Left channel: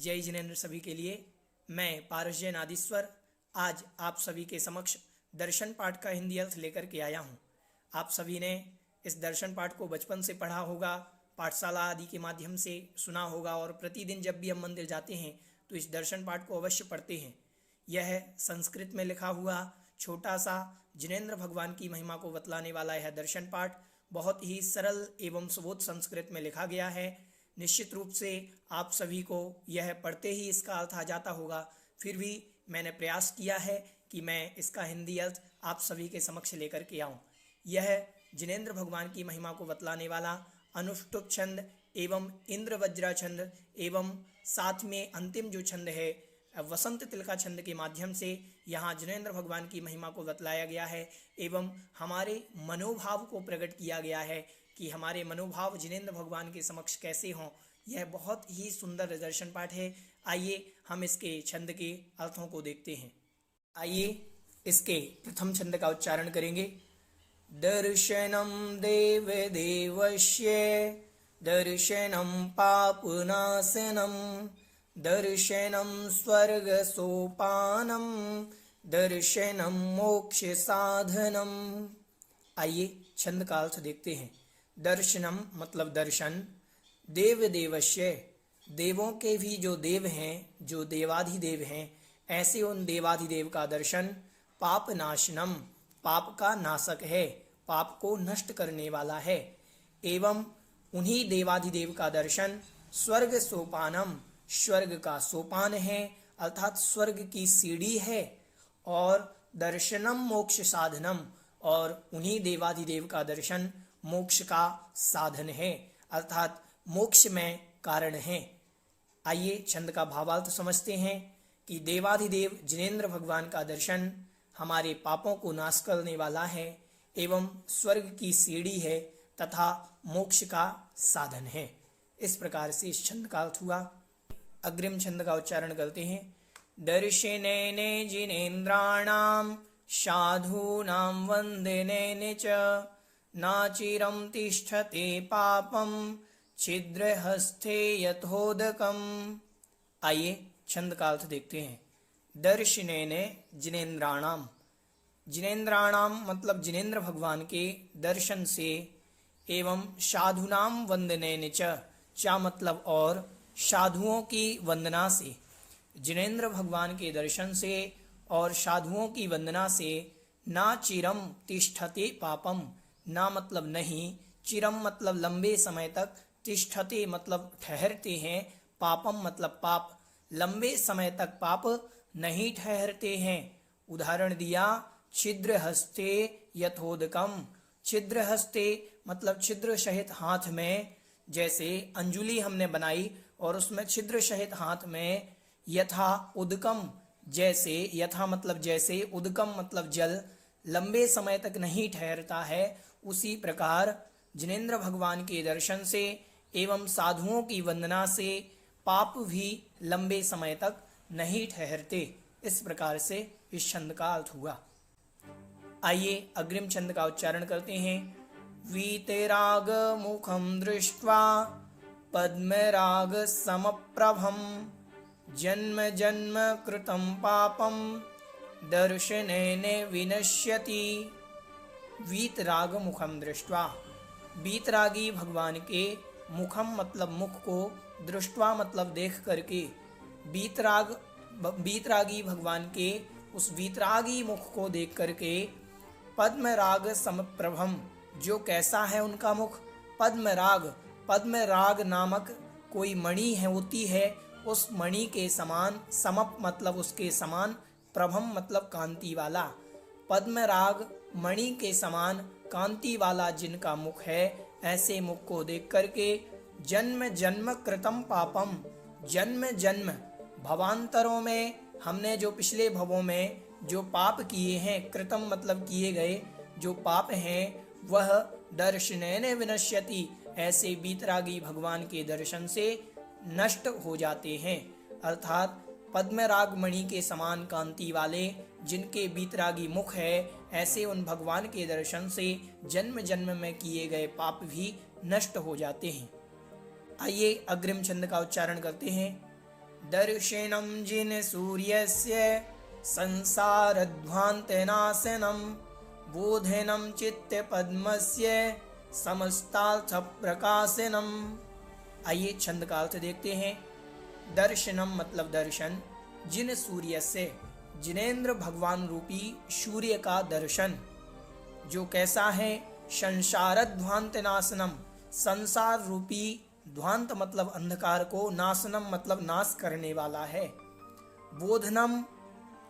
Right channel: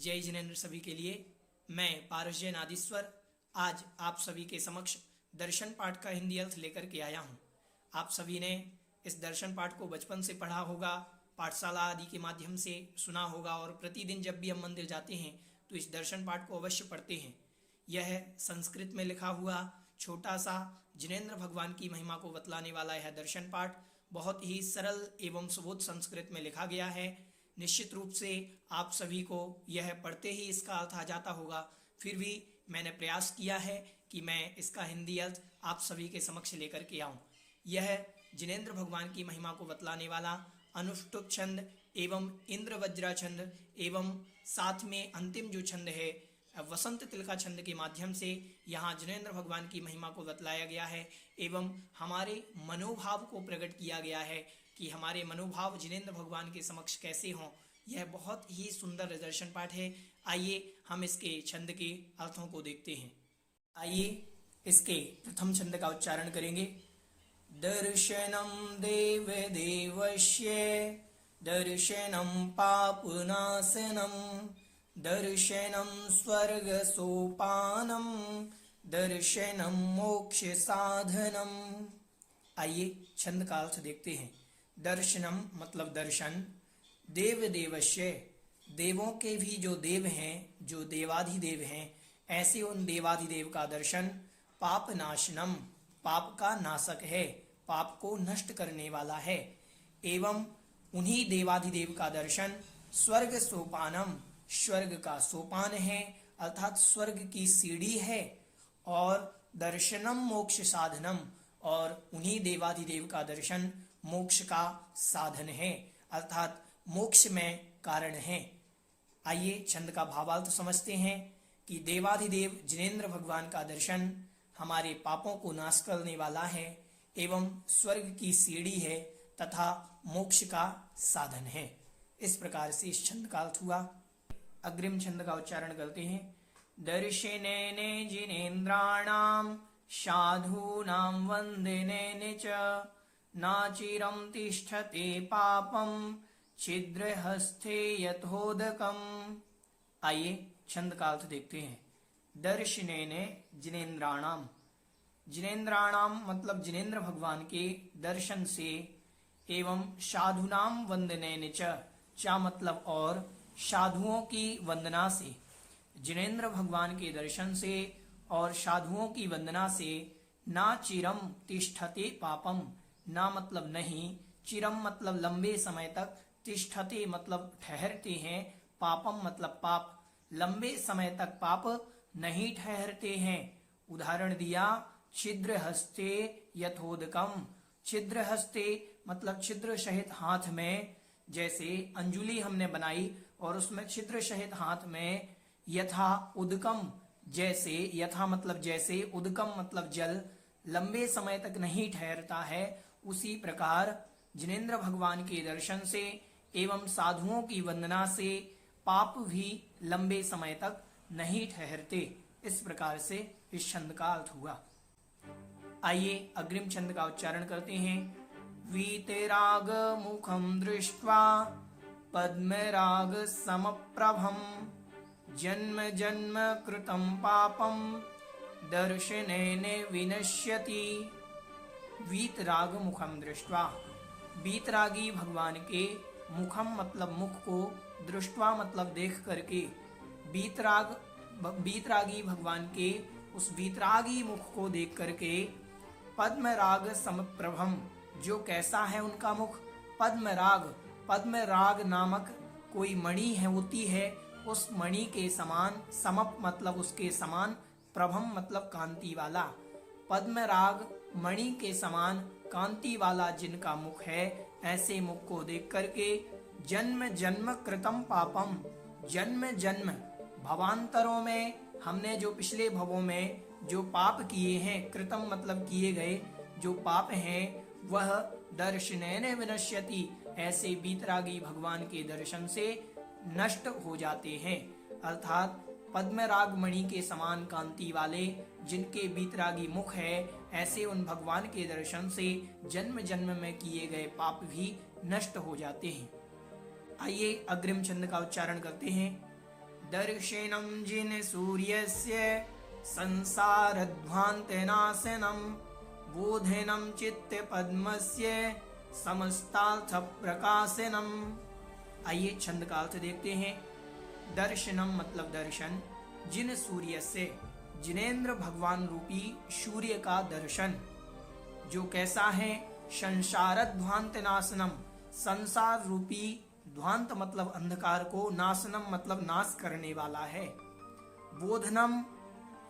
जय जिनेंद्र सभी के लिए। मैं पारसजय नादीश्वर आज आप सभी के समक्ष दर्शन पाठ का हिंदी अर्थ लेकर के आया हूँ। आप सभी ने इस दर्शन पाठ को बचपन से पढ़ा होगा, पाठशाला आदि के माध्यम से सुना होगा और प्रतिदिन जब भी हम मंदिर जाते हैं तो इस दर्शन पाठ को अवश्य पढ़ते हैं। यह संस्कृत में लिखा हुआ छोटा सा जिनेंद्र भगवान की महिमा को बतलाने वाला यह दर्शन पाठ बहुत ही सरल एवं सुबोध संस्कृत में लिखा गया है। निश्चित रूप से आप सभी को यह पढ़ते ही इसका अर्थ आ जाता होगा, फिर भी मैंने प्रयास किया है कि मैं इसका हिंदी अर्थ आप सभी के समक्ष लेकर के आऊं। यह जिनेंद्र भगवान की महिमा को बतलाने वाला अनुष्टुप छंद एवं इंद्र वज्रा छंद एवं साथ में अंतिम जो छंद है वसंत तिलका छंद के माध्यम से यहाँ जिनेंद्र भगवान की महिमा को बतलाया गया है एवं हमारे मनोभाव को प्रकट किया गया है कि हमारे मनोभाव जिनेंद्र भगवान के समक्ष कैसे हों। यह बहुत ही सुंदर दर्शन पाठ है। आइए हम इसके छंद के अर्थों को देखते हैं। आइए इसके प्रथम छंद का उच्चारण करेंगे। दर्शनम देव देवस्य दर्शनम पापनाशनम दर्शनम स्वर्ग सोपानम दर्शनम मोक्ष साधनम। आइए छंद का अर्थ देखते हैं। दर्शनम मतलब दर्शन, देव देवस्य देवों के भी जो देव हैं, जो देवाधिदेव हैं, ऐसे उन देवाधिदेव का दर्शन। पाप नाशनम पाप का नाशक है, पाप को नष्ट करने वाला है। एवं उन्हीं देवाधिदेव का दर्शन। स्वर्ग सोपानम स्वर्ग का सोपान है अर्थात स्वर्ग की सीढ़ी है। और दर्शनम मोक्ष साधनम और उन्हीं देवाधिदेव का दर्शन मोक्ष का साधन है अर्थात मोक्ष में कारण है। आइए छंद का भावार्थ समझते हैं कि देवाधिदेव जिनेंद्र भगवान का दर्शन हमारे पापों को नाश करने वाला है एवं स्वर्ग की सीढ़ी है तथा मोक्ष का साधन है। इस प्रकार से इस छंद का अर्थ हुआ। अग्रिम छंद का उच्चारण करते हैं। दर्शनेने जिनेन्द्राणाम साधूनां वंदनेने च नाचिरं तिष्ठते पापं छिद्रहस्ते यथोदकम्। आइए छंद का अर्थ देखते हैं। दर्शनेने जिनेन्द्राणाम जिनेन्द्राणाम मतलब जिनेंद्र भगवान के दर्शन से एवं साधूनाम वंदनेन च मतलब और साधुओं की वंदना से। जिनेंद्र भगवान के दर्शन से और साधुओं की वंदना से ना चिरम तिष्ठते पापम ना मतलब नहीं, चिरम मतलब लंबे समय तक, तिष्ठते मतलब ठहरते हैं, पापम मतलब पाप, लंबे समय तक पाप नहीं ठहरते हैं। उदाहरण दिया छिद्र हस्ते यथोदकम। छिद्र हस्ते मतलब छिद्र सहित हाथ में, जैसे अंजुली हमने बनाई और उसमें छिद्र सहित हाथ में, यथा उदकम जैसे, यथा मतलब जैसे, उदकम मतलब जल, लंबे समय तक नहीं ठहरता है। उसी प्रकार जिनेंद्र भगवान के दर्शन से एवं साधुओं की वंदना से पाप भी लंबे समय तक नहीं ठहरते। इस प्रकार से इस छंद का अर्थ हुआ। आइए अग्रिम छंद का उच्चारण करते हैं। वीतराग मुखम दृष्ट्वा पद्मराग समप्रभम जन्म जन्म कृतं पापम दर्शनेन विनश्यति। वीतराग मुखम दृष्ट्वा वीतरागी भगवान के मुखम मतलब मुख को, दृष्ट्वा मतलब देख करके, वीतरागी भगवान के उस वीतरागी मुख को देख करके, पद्मराग समप्रभम जो कैसा है उनका मुख, पद्मराग नामक कोई मणि है होती है, उस मणि के समान, समप मतलब उसके समान, प्रभम मतलब कांति वाला, पद्मराग मणि के समान कांति वाला जिनका मुख है, ऐसे मुख को देख करके जन्म जन्म कृतम पापम जन्म जन्म भवांतरों में हमने जो पिछले भवों में जो पाप किए हैं, कृतम मतलब किए गए जो पाप हैं, वह दर्शनेन विनश्यति ऐसे वीतरागी भगवान के दर्शन से नष्ट हो जाते हैं। अर्थात पद्मराग मणि के समान कांति वाले जिनके वीतरागी मुख है, ऐसे उन भगवान के दर्शन से जन्म जन्म में किए गए पाप भी नष्ट हो जाते हैं। आइए अग्रिम छंद का उच्चारण करते हैं। दर्शनं जिन सूर्यस्य संसारध्वान्तनाशनं बोधनं चित्तपद्मस्य समस्तार्थप्रकाशनम्। आइए छंद का अर्थ देखते हैं। दर्शनम मतलब दर्शन, जिन सूर्य से जिनेंद्र भगवान रूपी सूर्य का दर्शन, जो कैसा है, संसारध्वांत नाशनम, संसार रूपी ध्वांत मतलब अंधकार को, नाशनम मतलब नाश करने वाला है। बोधनम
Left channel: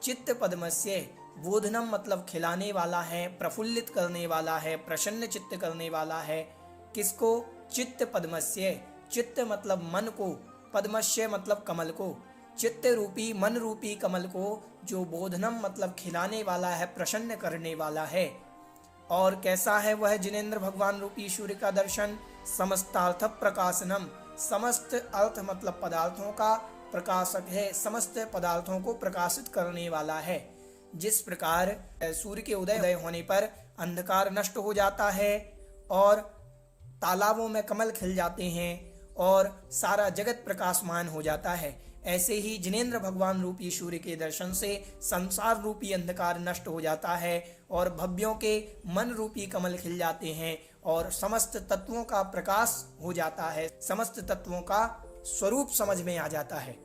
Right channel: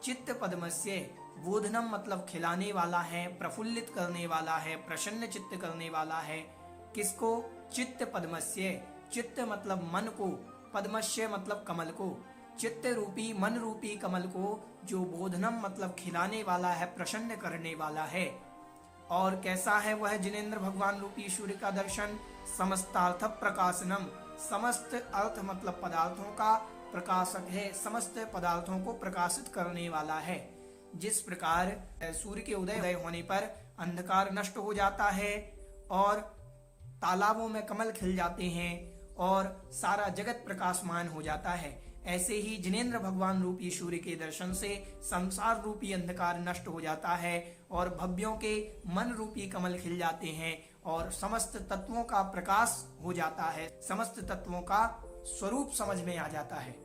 चित्त पद्मस्य, बोधनम मतलब खिलाने वाला है, प्रफुल्लित करने वाला है, प्रसन्न चित्त करने वाला है। किसको? चित्त पद्मस्य, चित्त मतलब मन को, पद्मस्य मतलब कमल को, चित्त रूपी मन रूपी कमल को जो बोधनम मतलब खिलाने वाला है, प्रसन्न करने वाला है। और कैसा है वह जिनेंद्र भगवान रूपी सूर्य का दर्शन? समस्तार्थ प्रकाशनम, समस्त अर्थ मतलब पदार्थों का प्रकाशक है, समस्त पदार्थों को प्रकाशित करने वाला है। जिस प्रकार सूर्य के उदय होने पर अंधकार नष्ट हो जाता है और तालाबों में कमल खिल जाते हैं और सारा जगत प्रकाशमान हो जाता है, ऐसे ही जिनेंद्र भगवान रूपी सूर्य के दर्शन से संसार रूपी अंधकार नष्ट हो जाता है और भव्यों के मन रूपी कमल खिल जाते हैं और समस्त तत्वों का प्रकाश हो जाता है, समस्त तत्वों का स्वरूप समझ में आ जाता है।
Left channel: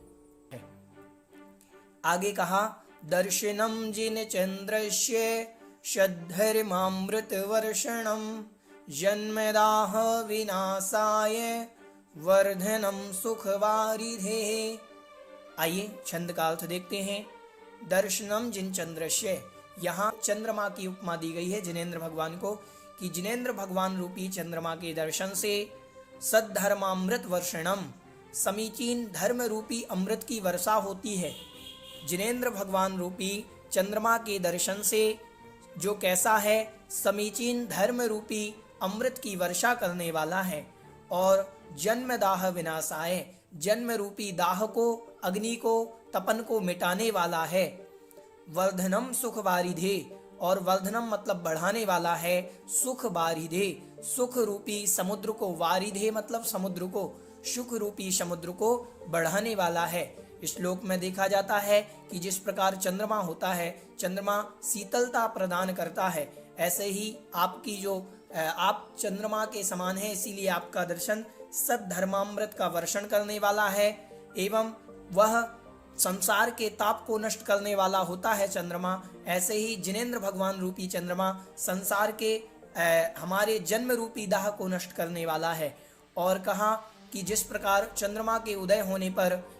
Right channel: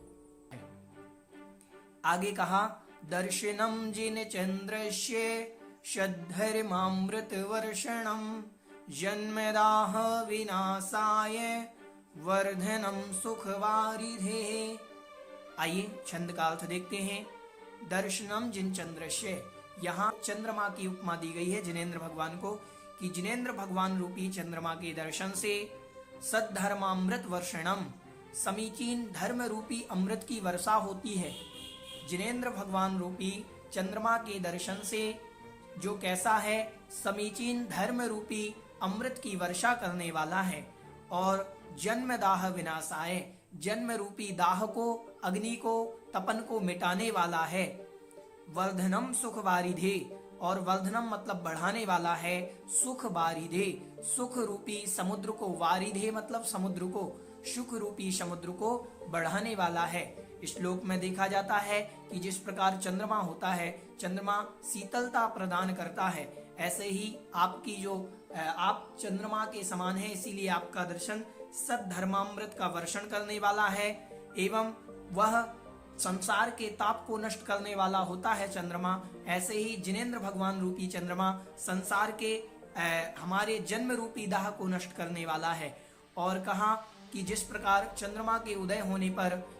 आगे कहा, दर्शनम जिन चंद्रस्य शद्धर्मामृत वर्षणम जन्मदाह विनाशाय वर्धनम सुखवारिधे। आइए छंद का अर्थ देखते हैं। दर्शनम जिन चंद्रस्य, यहाँ चंद्रमा की उपमा दी गई है जिनेंद्र भगवान को कि जिनेंद्र भगवान रूपी चंद्रमा के दर्शन से सद्धर्मामृत वर्षणम, समीचीन धर्म रूपी अमृत की वर्षा होती है। जिनेंद्र भगवान रूपी चंद्रमा के दर्शन से जो कैसा है, समीचीन धर्म रूपी अमृत की वर्षा करने वाला है और जन्म दाह विनाशाय, जन्म रूपी दाह को, अग्नि को, तपन को मिटाने वाला है। वर्धनम सुख वारिधे, और वर्धनम मतलब बढ़ाने वाला है, सुख वारिधे, सुख रूपी समुद्र को, वारिधे मतलब समुद्र को, सुख रूपी समुद्र को बढ़ाने वाला है। इस श्लोक में देखा जाता है कि जिस प्रकार चंद्रमा होता है, चंद्रमा शीतलता प्रदान करता है, ऐसे ही आपकी जो आप चंद्रमा के समान है, इसीलिए आपका दर्शन सद्धर्मामृत का वर्षण करने वाला है एवं वह संसार के ताप को नष्ट करने वाला होता है चंद्रमा। ऐसे ही जिनेंद्र भगवान रूपी चंद्रमा संसार के हमारे जन्म रूपी दाह को नष्ट करने वाला है। और कहा कि जिस प्रकार चंद्रमा के उदय होने पर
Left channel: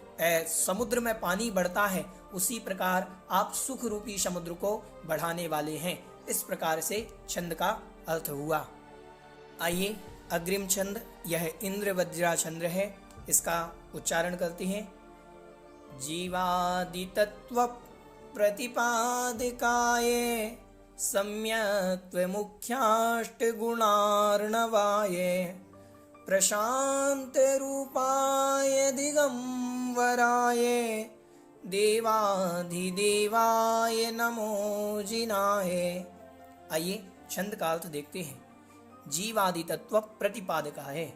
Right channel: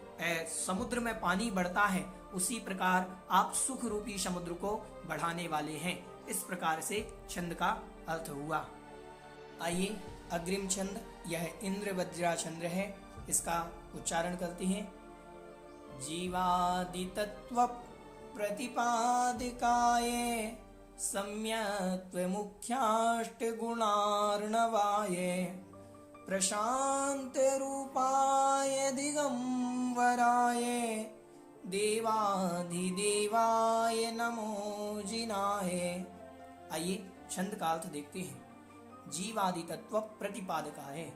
समुद्र में पानी बढ़ता है, उसी प्रकार आप सुख रूपी समुद्र को बढ़ाने वाले हैं। इस प्रकार से छंद का अर्थ हुआ। आइए अग्रिम छंद, यह इंद्र वज्रा छंद है, इसका उच्चारण करते हैं। जीवादि तत्व प्रतिपादिकाय सम्यक्त्व मुख्याष्ट गुणार्णवाय प्रशांत रूपाय दिगंबराय देवाधिदेवाय नमो जिनाय। आइए छंद का अर्थ देखते हैं। जीवादि तत्व प्रतिपादकाय,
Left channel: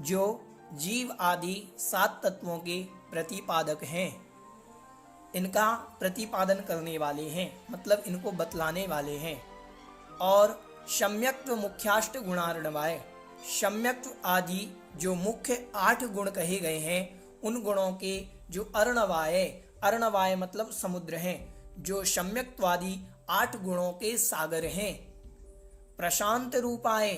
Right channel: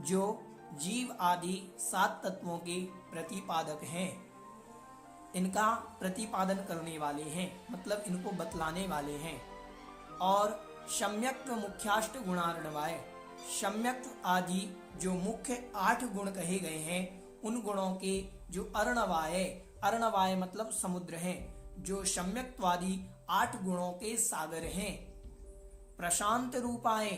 जो जीव आदि 7 तत्वों के प्रतिपादक हैं, इनका प्रतिपादन करने वाले हैं, मतलब इनको बतलाने वाले हैं। और सम्यक्त्व मुख्याष्ट गुणार्णवाय, सम्यक्त्व आदि जो मुख्य 8 गुण कहे गए हैं, उन गुणों के जो अर्णवाय, अर्णवाय मतलब समुद्र हैं, जो सम्यक्त्वादि 8 गुणों के सागर हैं। प्रशांत रूपाय,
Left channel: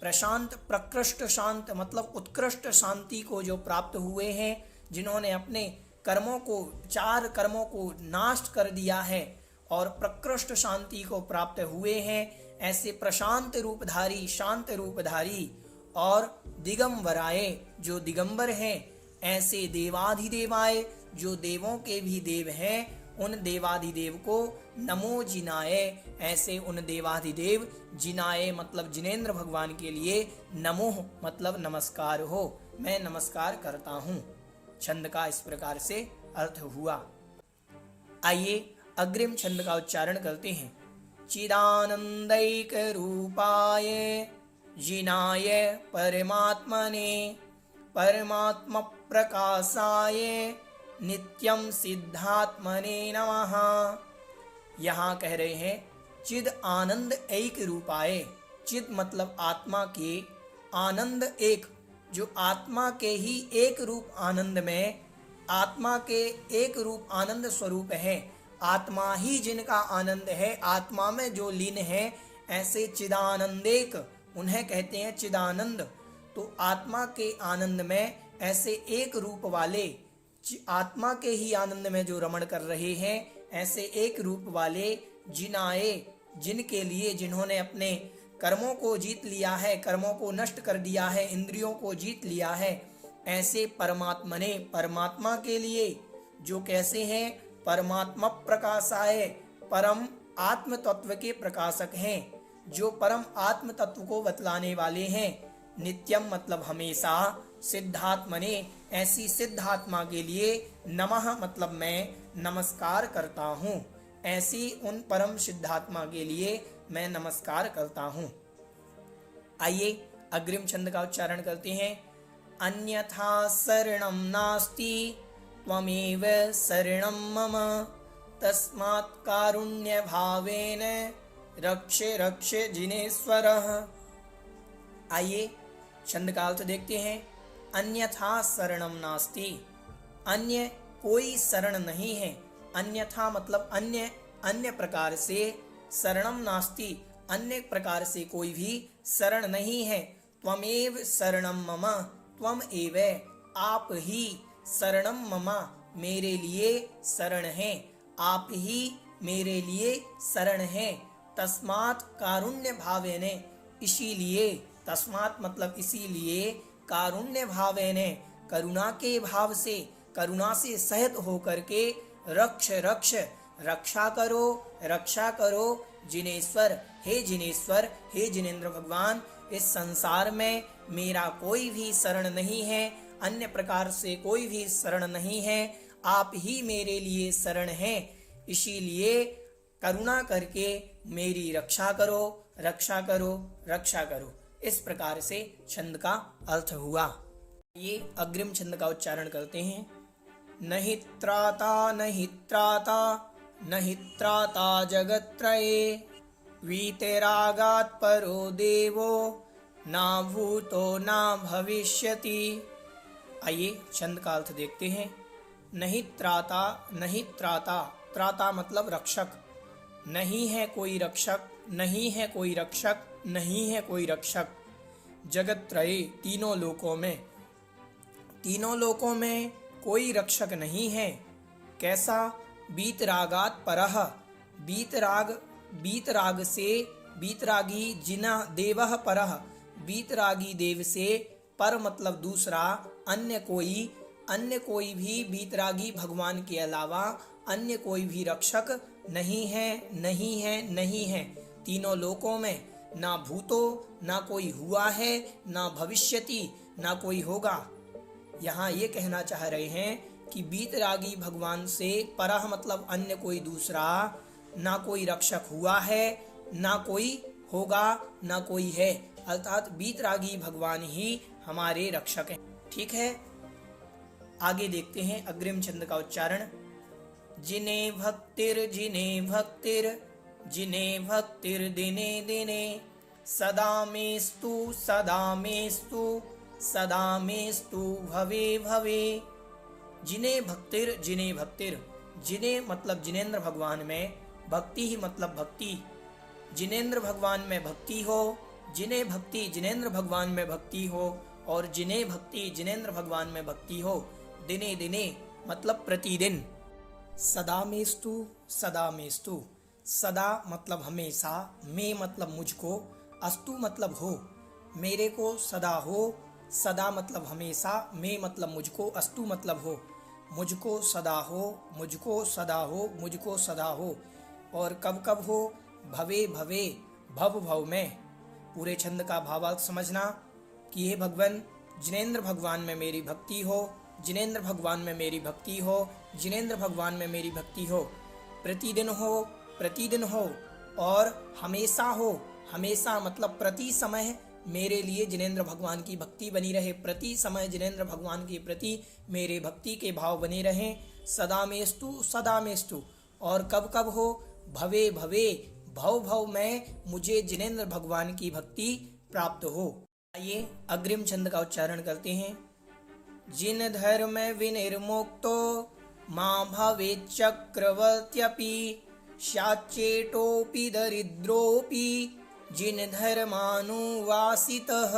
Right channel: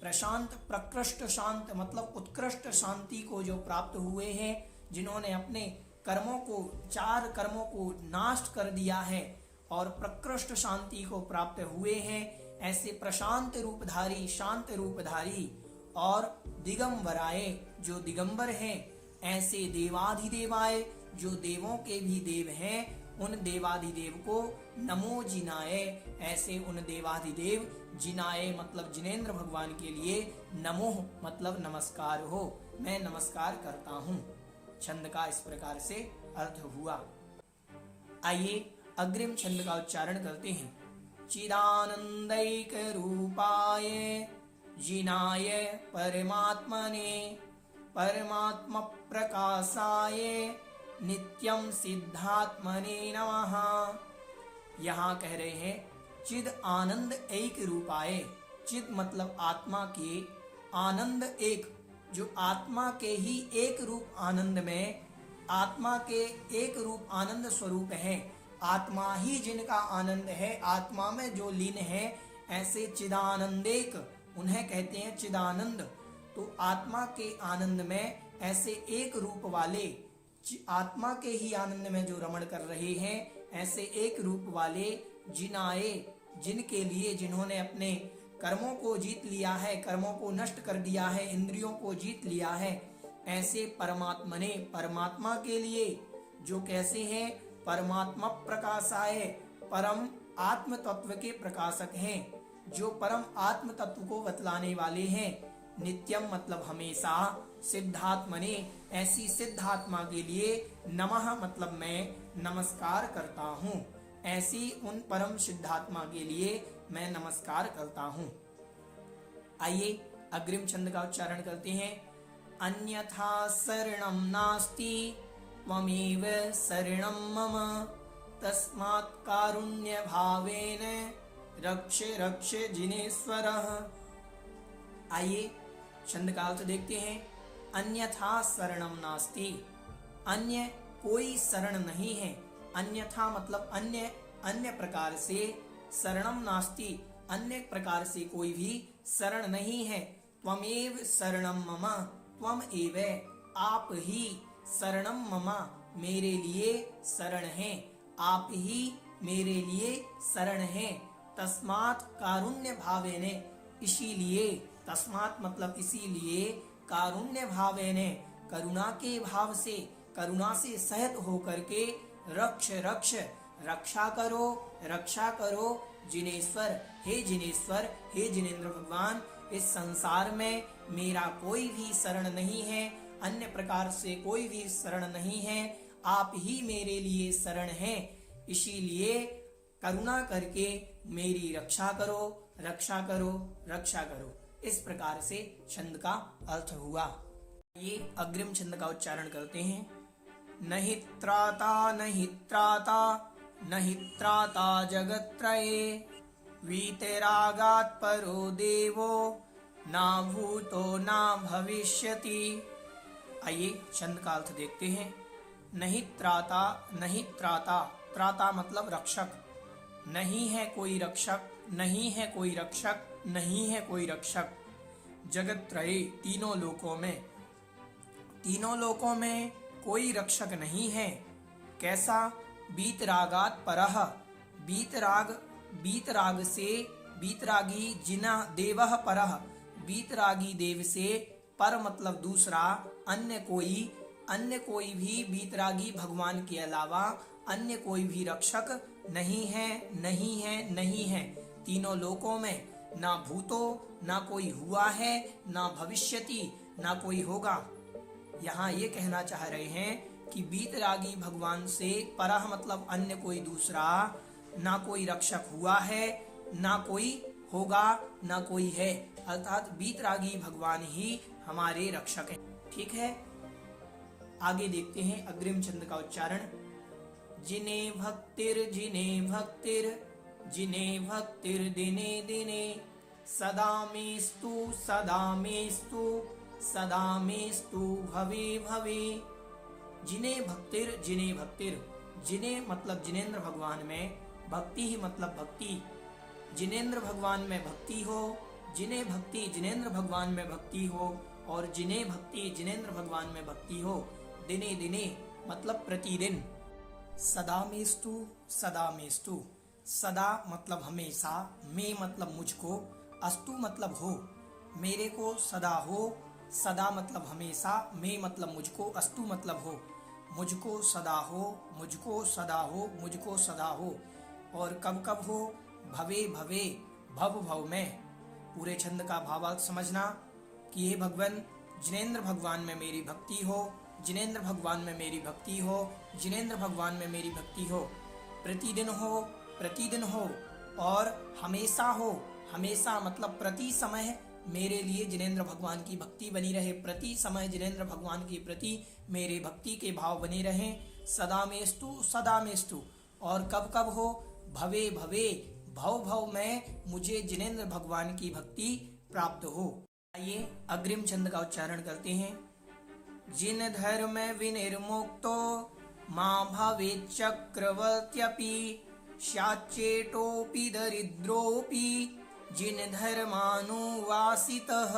प्रशांत प्रकृष्ट शांत मतलब उत्कृष्ट शांति को जो प्राप्त हुए हैं, जिन्होंने अपने कर्मों को, 4 कर्मों को नाश कर दिया है और प्रकृष्ट शांति को प्राप्त हुए हैं, ऐसे प्रशांत रूपधारी, शांत रूपधारी। और दिगंबराय, जो दिगंबर हैं, ऐसे देवाधिदेवाय, जो देवों के भी देव हैं, उन देवाधिदेव को नमो जिनाय, ऐसे उन देवाधिदेव, जिनाय मतलब जिनेंद्र भगवान के लिए, नमो मतलब नमस्कार हो, मैं नमस्कार करता हूँ। छंद का इस प्रकार से अर्थ हुआ। आइए अग्रिम छंद का उच्चारण करते हैं। चिदानंदैक रूपाय जिनाय परमात्मने परमात्म प्रकाशाय नित्यं सिद्धात्मने नमः। यहाँ कह रहे हैं चिद आनंद एक रूपाय। चिद मतलब आत्मा के, आनंद एक, जो आत्मा के ही एक रूप आनंद में, आत्मा के एक रूप आनंद स्वरूप है, आत्मा ही जिनका आनंद है, आत्मा में जो लीन है, ऐसे चिदानंदेक उन्हें कहते हैं चिदानंद। तो आत्मा के आनंद में ऐसे एक रूप वाले, आत्मा के ही आनंद में जो रमण कर रहे हैं, ऐसे एक रूप वाले जिनाए, जिनके लिए, जिन्होंने अपने कर्मों को जीत लिया है, कर्मों को नष्ट कर दिया है, इंद्रियों को जीत लिया है, ऐसे परमात्मने, परमात्मा के लिए, जो कैसे हैं, परमात्मा प्रकाशाय, परम आत्म तत्व के प्रकाशक हैं, जो परम आत्म तत्व को बतलाने वाले हैं। नित्यम मतलब हमेशा, सिद्धात्मने ऐसी सिद्धात्मा के लिए, नमः मतलब मैं नमस्कार करता हूँ, ऐसी उन परम सिद्धात्मा के लिए मैं नमस्कार करता हूँ। आइए अग्रिम छंद का उच्चारण करते हैं। अन्यथा शरणं नास्ति त्वमेव शरणं मम, तस्मात् कारुण्य भावेन रक्ष रक्ष जिनेश्वरः। आइए छंद का अर्थ देखते हैं। अन्यथा शरणं नास्ति, अन्य कोई शरण नहीं है। अन्यथा मतलब अन्य, अन्य प्रकार से, शरणं नास्ति अन्य प्रकार से कोई भी शरण नहीं है। त्वमेव शरणं मम, त्वम एव आप ही, शरणं मम मेरे लिए शरण है, आप ही मेरे लिए शरण है। तस्मात् कारुण्य भावेने इसीलिए, तस्मात् मतलब इसीलिए, कारुण्य भावेने करुणा के भाव से, करुणा से सहित होकर के, रक्ष रक्ष रक्षा करो, रक्षा करो जिनेश्वर, हे जिनेश्वर, हे जिनेन्द्र भगवान, इस संसार में मेरा कोई भी शरण नहीं है, अन्य प्रकार से कोई भी शरण नहीं है, आप ही मेरे लिए शरण हैं, इसीलिए करुणा करके मेरी रक्षा करो, रक्षा करो, रक्षा करो। इस प्रकार से छंद का अर्थ हुआ। ये अग्रिम छंद का उच्चारण करते हैं। नहि त्राता नहि त्राता नहि त्राता जगत्त्रये, वीतरागात् परो देवो ना भूतो ना भविष्यति। आइए छंद का अर्थ देखते हैं। नहीं त्राता, नहीं त्राता, त्राता मतलब रक्षक, नहीं है कोई रक्षक, नहीं है कोई रक्षक, नहीं है कोई रक्षक। जगत्त्रये तीनों लोकों में, तीनों लोकों में कोई रक्षक नहीं है। कैसा? बीतरागात् परः, बीतराग, बीतराग से, बीतरागी जिना देवः परः, बीतरागी देव से, पर मतलब दूसरा, अन्य कोई भी बीतरागी भगवान के अलावा अन्य कोई भी रक्षक नहीं है, नहीं है, नहीं है। तीनों लोकों में ना भूतो, ना कोई हुआ है, ना भविष्यति, ना कोई होगा। यहाँ ये कहना चाह रहे हैं कि बीतरागी भगवान से परह मतलब अन्य कोई दूसरा, ना कोई रक्षक हुआ है, ना कोई होगा, ना कोई है, अर्थात बीतरागी भगवान ही हमारे रक्षक हैं। ठीक है, आगे देखते हैं अग्रिम छंद का उच्चारण। जिने भक्तिर जिने भक्तिर दिने दिने, सदा मेस्तु सदा मेस्तु सदा मेस्तु भवे भवे। जिने भक्तिर, जिने मतलब जिनेन्द्र भगवान में, भक्ति ही मतलब भक्ति, जिनेन्द्र भगवान में भक्ति हो, जिने भक्ति जिनेन्द्र भगवान में भक्ति हो, और जिने भक्ति जिनेन्द्र भगवान में भक्ति हो, दिने दिने मतलब प्रतिदिन। सदा मेस्तु, सदा मेस्तु, सदा मतलब हमेशा, में मतलब मुझको, अस्तु मतलब हो, मेरे को सदा हो, सदा मतलब हमेशा, में मतलब मुझको, अस्तु मतलब हो, मुझको सदा हो, मुझको सदा हो, मुझको सदा हो। और कब कब हो? भवे भवे, भव भव में। पूरे छंद का भावार्थ समझना कि हे भगवान, जिनेन्द्र भगवान में मेरी भक्ति हो, जिनेन्द्र भगवान में मेरी भक्ति हो, जिनेन्द्र भगवान में मेरी भक्ति हो, प्रतिदिन हो, प्रतिदिन हो, और हमेशा हो, हमेशा मतलब प्रति समय मेरे लिए जिनेन्द्र भगवान की भक्ति बनी रहे, प्रति समय जिनेन्द्र भगवान के प्रति मेरे भक्ति के भाव बने रहें। सदामेस्तु सदामेस्तु, और कब कब हो, भवे भवे, भव भव में मुझे जिनेंद्र भगवान की भक्ति प्राप्त हो। आइए अग्रिम छंद का उच्चारण करते हैं। जिन धर्म विनिर्मुक्तो मां भवेत् चक्रवर्त्यपि स्याच्चेटोऽपि दरिद्रोऽपि जिन धर्मानुवासितः।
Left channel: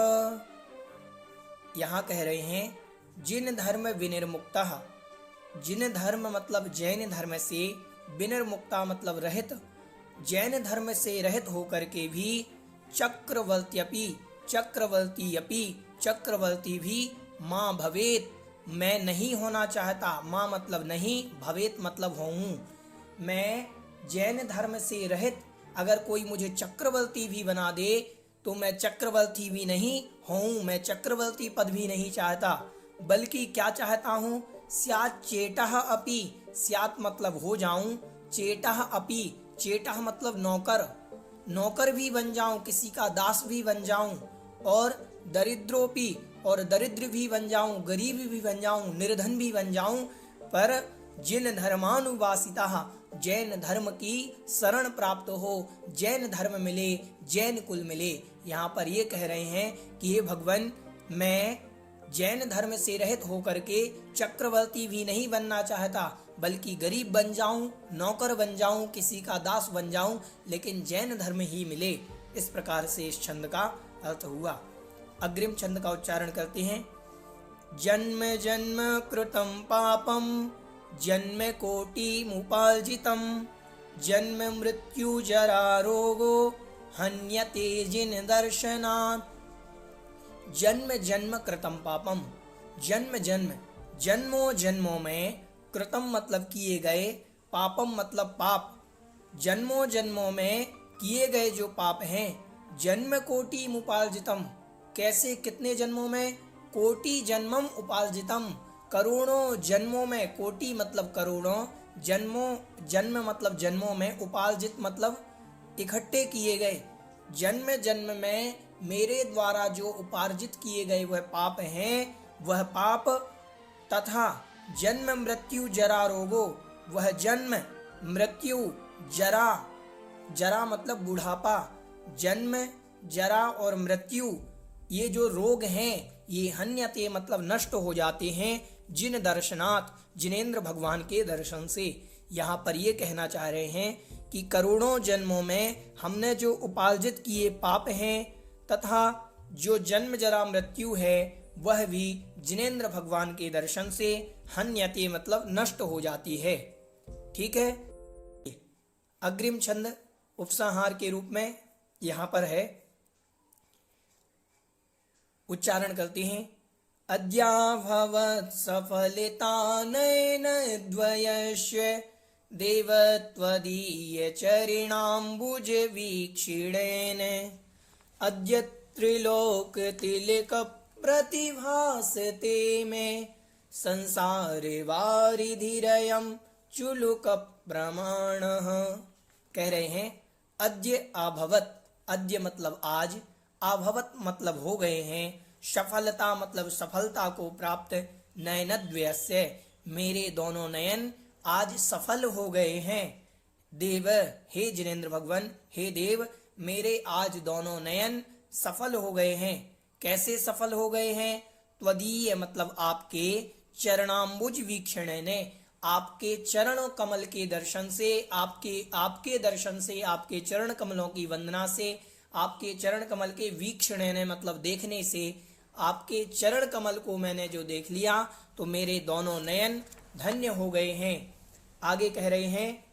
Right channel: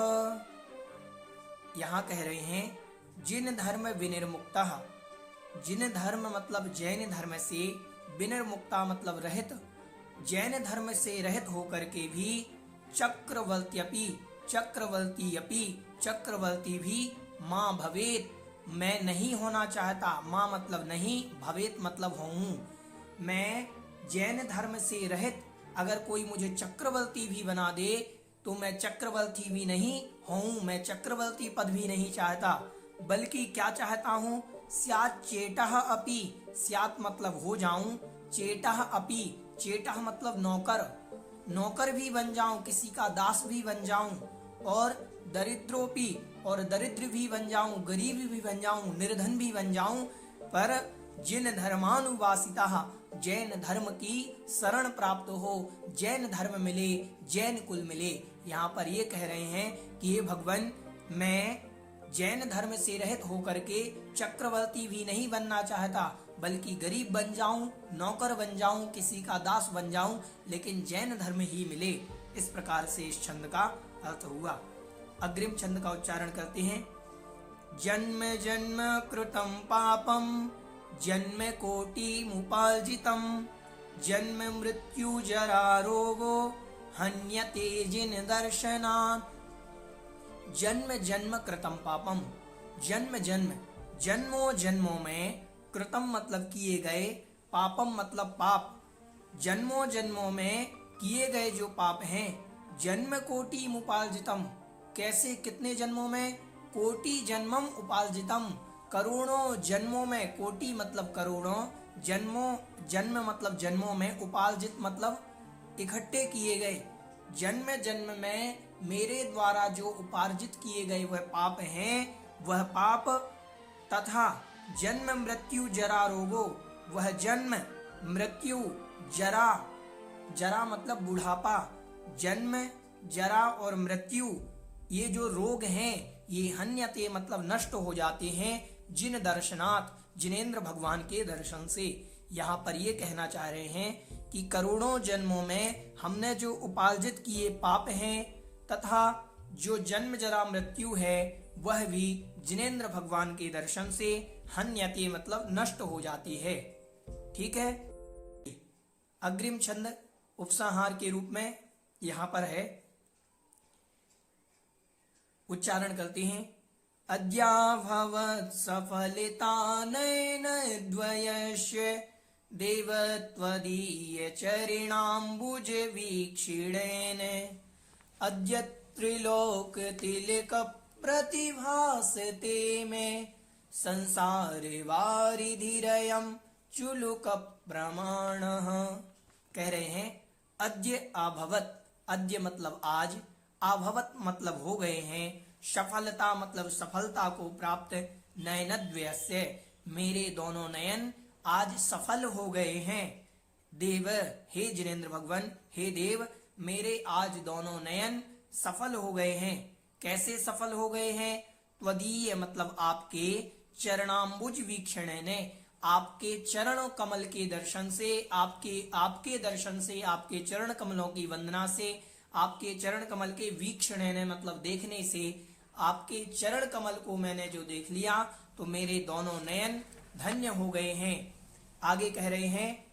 यहाँ कह रहे हैं जिन धर्म विनिर्मुक्तः, जिन धर्म मतलब जैन धर्म से, विनिर्मुक्ता मतलब रहित, जैन धर्म से रहित होकर के भी, चक्रवर्त्यपि चक्रवर्ती अपि चक्रवर्ती भी, मां भवेत मैं नहीं होना चाहता, मां मतलब नहीं, भवेत मतलब होऊं। मैं जैन धर्म से रहित अगर कोई मुझे चक्रवर्ती भी बना दे तो मैं चक्रवर्ती भी नहीं होऊं, मैं चक्रवर्ती पद भी नहीं चाहता, बल्कि क्या चाहता हूँ, स्यात् चेटः अपि, स्यात् मतलब हो जाऊं, चेटः अपि, चेटः मतलब नौकर, नौकर भी बन जाऊं, किसी का दास भी बन जाऊं, और दरिद्रोपि, और दरिद्र भी बन जाऊं, गरीब भी बन जाऊं, निर्धन भी बन जाऊं, पर जिन धर्मानुवासिता, जैन धर्म की शरण प्राप्त हो, जैन धर्म मिले, जैन कुल मिले। यहाँ पर ये कह रहे हैं कि हे भगवान, मैं जैन धर्म से रहित होकर के चक्रवर्ती भी नहीं बनना चाहता, बल्कि गरीब बन जाऊं, नौकर बन जाऊं, किसी का दास बन जाऊं, लेकिन जैन धर्म ही मिले। इस प्रकार से इस छंद का अर्थ हुआ। अग्रिम छंद का उच्चारण करते हैं। जन्म जन्म कृतं पापं जन्म कोटिमुपार्जितं जन्म मृत्यु जरा रोगो हन्यते जिन दर्शनात्। जन्म जन्म कृतं पापम, जन्म जन्म जन्मों जन्मों में, कृतम मतलब किए गए, पापम मतलब पाप, जन्मों जन्मों में किए गए जो पाप हैं, जन्म कोटि उपार्जितम, कैसे कितने जन्मों में, कोटि जन्मम उपार्जितम, करोड़ों जन्मों में, कोटि मतलब करोड़ों, जन्मों जन्म मतलब जन्मों में, उपार्जित मतलब इकट्ठे किए गए, जन्म जन्म में मेरे द्वारा जो उपार्जित किए गए वह पाप हैं, वह पाप, तथा जन्म मृत्यु जरा रोगो, वह जन्म मृत्यु जरा, जरा मतलब बुढ़ापा, जन्म जरा और मृत्यु ये जो रोग हैं ये हन्यते मतलब नष्ट हो जाते हैं, जिन दर्शनात् जिनेंद्र भगवान के दर्शन से। यहाँ पर ये कहना चाह रहे हैं कि करोड़ों जन्मों में हमने जो उपार्जित किए पाप हैं तथा जो जन्म जरा मृत्यु है वह भी जिनेंद्र भगवान के दर्शन से हन्यते मतलब नष्ट हो जाती है। ठीक है। अग्रिम छंद उपसंहार के रूप में यहाँ पर है, उच्चारण करते हैं। अद्याभवत् सफलिता नयन द्वयस्य देवत्वदीय चरणाम्बुज वीक्षिणेन अद्य त्रिलोक तिलक प्रतिभासते में संसार वारिधिरयम् चुलुक प्रमाणः। कह रहे हैं अद्य अभवत, अद्य मतलब आज, अभवत मतलब हो गए हैं, सफलता मतलब सफलता को प्राप्त, नयनद्वयस्य मेरे दोनों नयन आज सफल हो गए हैं, देव हे जिनेंद्र भगवान, हे देव मेरे आज दोनों नयन सफल हो गए हैं। कैसे सफल हो गए हैं? त्वदीय मतलब आपके, चरणाम्बुज वीक्षण ने आपके चरण कमल के दर्शन से, आपके दर्शन से, आपके चरण कमलों की वंदना से, आपके चरण कमल के वीक्षण ने मतलब देखने से, आपके चरण कमल को मैंने जो देख लिया तो मेरे दोनों नयन धन्य हो गए हैं। आगे कह रहे हैं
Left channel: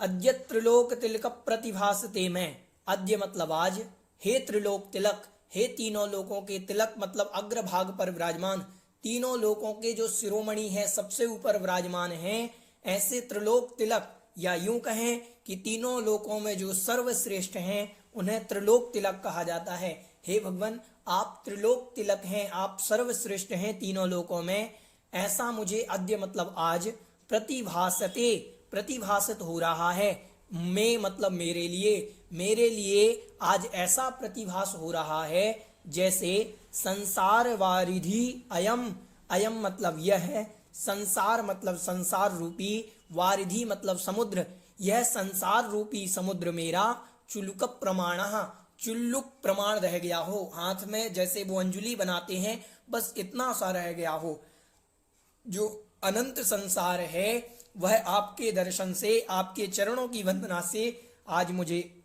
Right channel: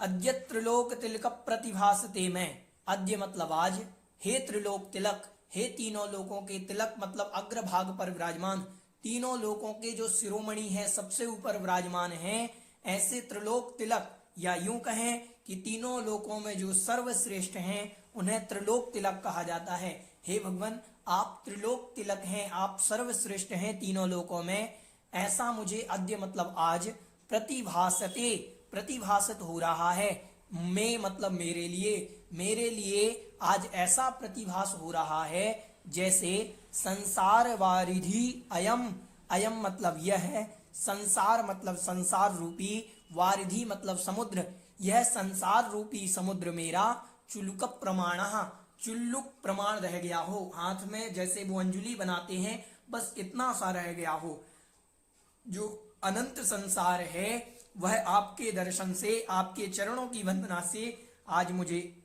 अद्य त्रिलोक तिलक प्रतिभासते में, अद्य मतलब आज, हे त्रिलोक तिलक, हे तीनों लोकों के तिलक मतलब अग्रभाग पर विराजमान, तीनों लोकों के जो शिरोमणि हैं सबसे ऊपर विराजमान हैं, ऐसे त्रिलोक तिलक, या यूं कहें कि तीनों लोकों में जो सर्वश्रेष्ठ हैं उन्हें त्रिलोक तिलक कहा जाता है। हे भगवान आप त्रिलोक तिलक हैं, आप सर्वश्रेष्ठ हैं तीनों लोकों में, ऐसा मुझे अद्य मतलब आज, प्रतिभासते प्रतिभासित हो रहा है, मैं मतलब मेरे लिए आज ऐसा प्रतिभास हो रहा है जैसे संसार वारिधि अयम, अयम मतलब यह है, संसार मतलब संसार रूपी, वारिधि मतलब समुद्र, यह संसार रूपी समुद्र मेरा चुल्लुक प्रमाण, चुल्लुक प्रमाण रह गया हो, हाथ में जैसे वो अंजुली बनाते हैं बस इतना सा रह गया हो। जो अनंत संसार है वह आपके दर्शन से, आपके चरणों की वंदना से आज मुझे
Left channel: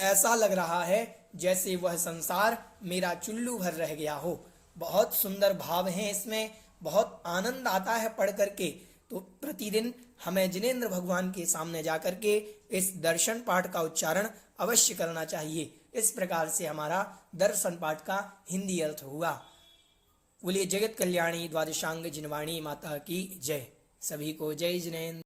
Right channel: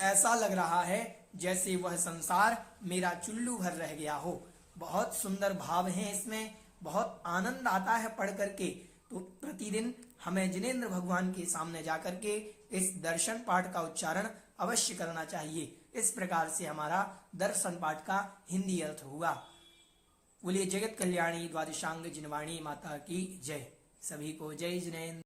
ऐसा लग रहा है जैसे वह संसार मेरा चुल्लू भर रह गया हो। बहुत सुंदर भाव हैं इसमें, बहुत आनंद आता है पढ़ करके। तो प्रतिदिन हमें जिनेंद्र भगवान के सामने जाकर के इस दर्शन पाठ का उच्चारण अवश्य करना चाहिए। इस प्रकार से हमारा दर्शन पाठ का हिंदी अर्थ हुआ। बोलिए जगत कल्याणी द्वादशांग जिनवाणी माता की जय। सभी को जय जिनेंद्र।